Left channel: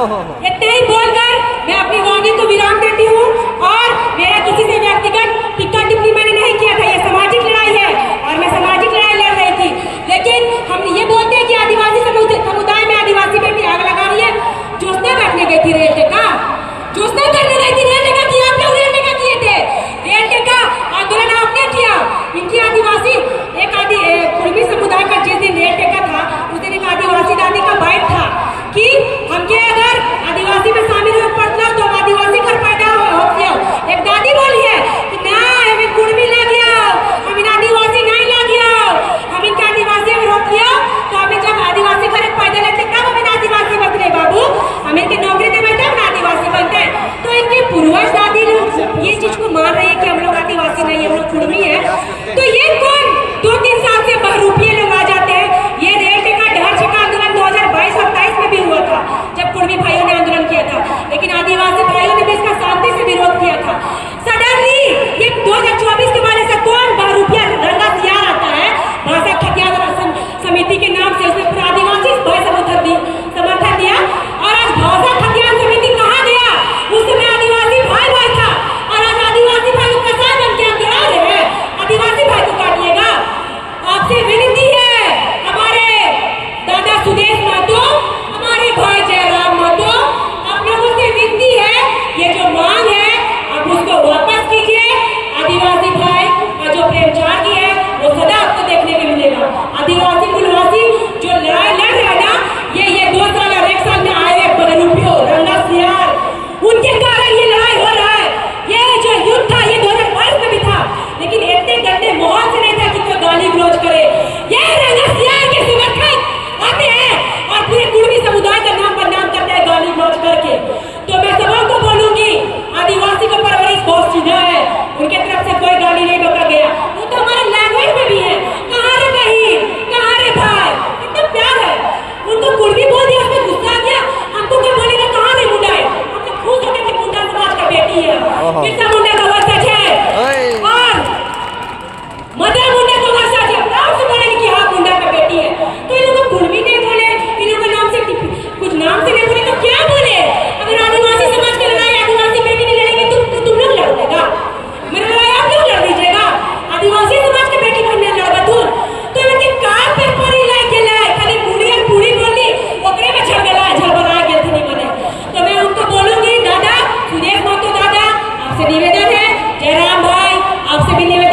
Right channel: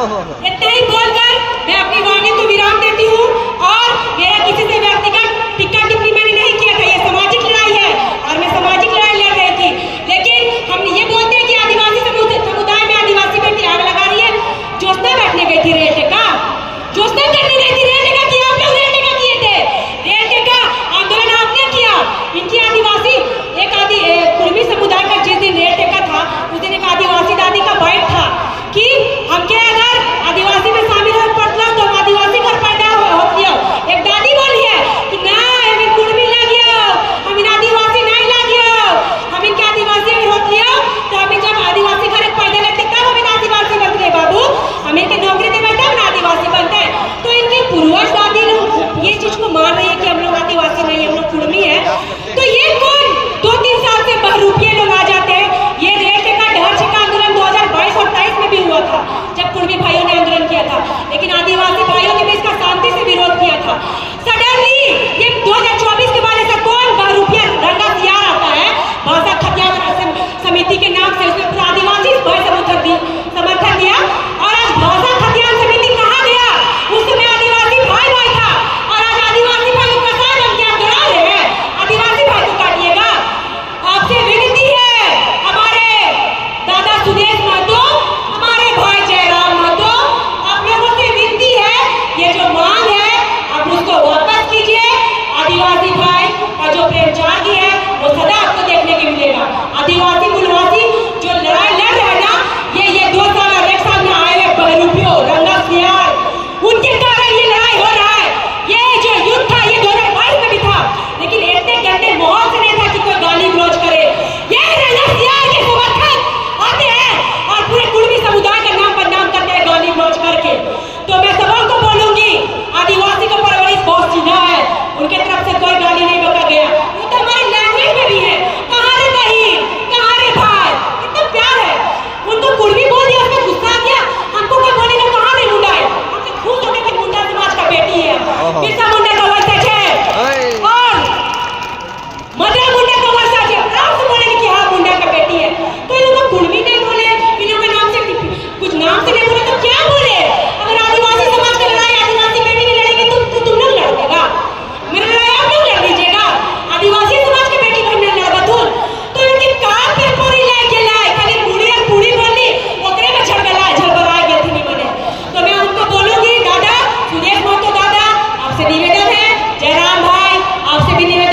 इतना ही बोलकर मैं अपनी वाणी को विराम देती हूँ और मेरा किसी से व्यक्तिगत टिक्का टिप्पणी मैंने नहीं किया था। यह सामाजिक लड़ाई है और मैं सामाजिक लड़ाई लड़ रही थी, लेकिन हम ये बोलते हैं कि आदिवासी समुदाय में आदिवासी बेटी आग लगा रही है। ज्योत्सना बैठने गई थी रेल टेका, ज्योत्सना करने गई थी रेल टेका किया, आप लोग रेल टेका किए थे, रेल टेका आंदोलन आपने किया। इनकी आदिवासी एक कुर्मी समुदाय का जिस दिन रेल टेका था उस दिन एक आदिवासी दादी का बाइट था कि हमके अगर आदिवासी में शामिल हो पड़ता तो हम आदिवासी कर पैदा होती हो। एक दादी बोली है कि नहीं हम कुर्मी ला गया, हम इन आदिवासी नहीं ला गया, हम इनके आदिवासी में होती हो तो हम जब आदिवासी घर पैदा लेते तब हम इन आदिवासी बनते हैं बाबू, हम इनके नौकरी दे बैठे हम आदिवासी बनते हैं। तो इनके पूर्वज दादी लोग इस चीज को मान रही है कि हम लोग आदिवासी नहीं, हम लोग कुर्मी है। तो ये कौन 2-3 साल से बहरूपिये लोग आ जाते हैं। ये रेल टेका डहर छेका आंदोलन 2022 और 23 में भी हुआ था जब कुर्मी भाइयों ने आंदोलन किया था, लेकिन आदिवासी भाइयों ने भी इसका शांति से विरोध किया था। सडनली ये 2024 के बाद ऐसा कौन बहरूपिया रंगा तैयार आता है भाषा खतियान समिति के नाम से, उसने पूरा आदिवासी समर्थन दिया और आज भाषा खतियान समिति कहाँ गया? उस समय आदिवासी भाई था और आज आदिवासी भाई को कसाई बन के आप गिरा रहे हैं। आदिवासी भाई को काटिएगा। आपसे विनती है हमारे दादा सुदेश महतो, हमारे भाई जयराम महतो, आप लोगों से विनती है ये जो मांग है आप उसको वापस कीजिए। आदिवासी भाई और जो प्रेमचार की है वो सदा आपको देखने को मिलेगा। आदिवासी मूलवासी जो लड़ाई लड़ रहा है ना, ये 2 साल और 1 साल में आए हैं बहरूपियों रंगा सियार, उनके कारण ये लड़ाई हो रहा है। ये जो युद्ध था ये 2022 में भी था, लेकिन इतने गंदे माहौल से नहीं था कि कोई गाली गलौज करे। ये रंगा सियार के समर्थक आते हैं और पूरे कुर्मी समुदाय का नाम बदनाम करते हैं गाली गलौज करके। तो मैं सबों को बोलूंगी आदिवासी का परवरिश बहुत सीधा है, उनके तरफ से कोई गाली नहीं बका गया। वो तो हमारी लैंग्वेज में भी है, कहाँ रे बहन, कहाँ रे भाई, कितना प्यार है। उनको कुर्मी बोल दिया, उसमें गुस्सा आ गया, हमको कोई बोलेगा कहाँ रे मुंडा है, हमसे खुश होकर के मुंडा समाज का बेटी है। कितना मुंडा का वर्षा है और मदर मुंडा का वर्षा है, प्राउड से बोले कि हाँ मुंडा का बेटी है। तो इन लोगों को कुर्मी नहीं बोले, इन लोगों के नाम से कुछ नाम से नहीं बोले तो क्या बोले? अगर आदिवासी समाज की लड़ाई आदिवासी बेटी की लड़ेगी तो तुम लोग लड़ देगा, मेरा लड़ाई आप लोग लड़ दीजिएगा। आदिवासी समाज के बेटी को हमने लड़वा दूर तो इनके कान पे पूरी लेके लाए, खाली पूरी और पूरी बोली ओकरे में झलबराए बैठी नहीं बने। तो मैं उनको बोलूंगी दादा सुदेश महतो दादा, आपसे निवेदन है, जयराम भाई आपसे भी निवेदन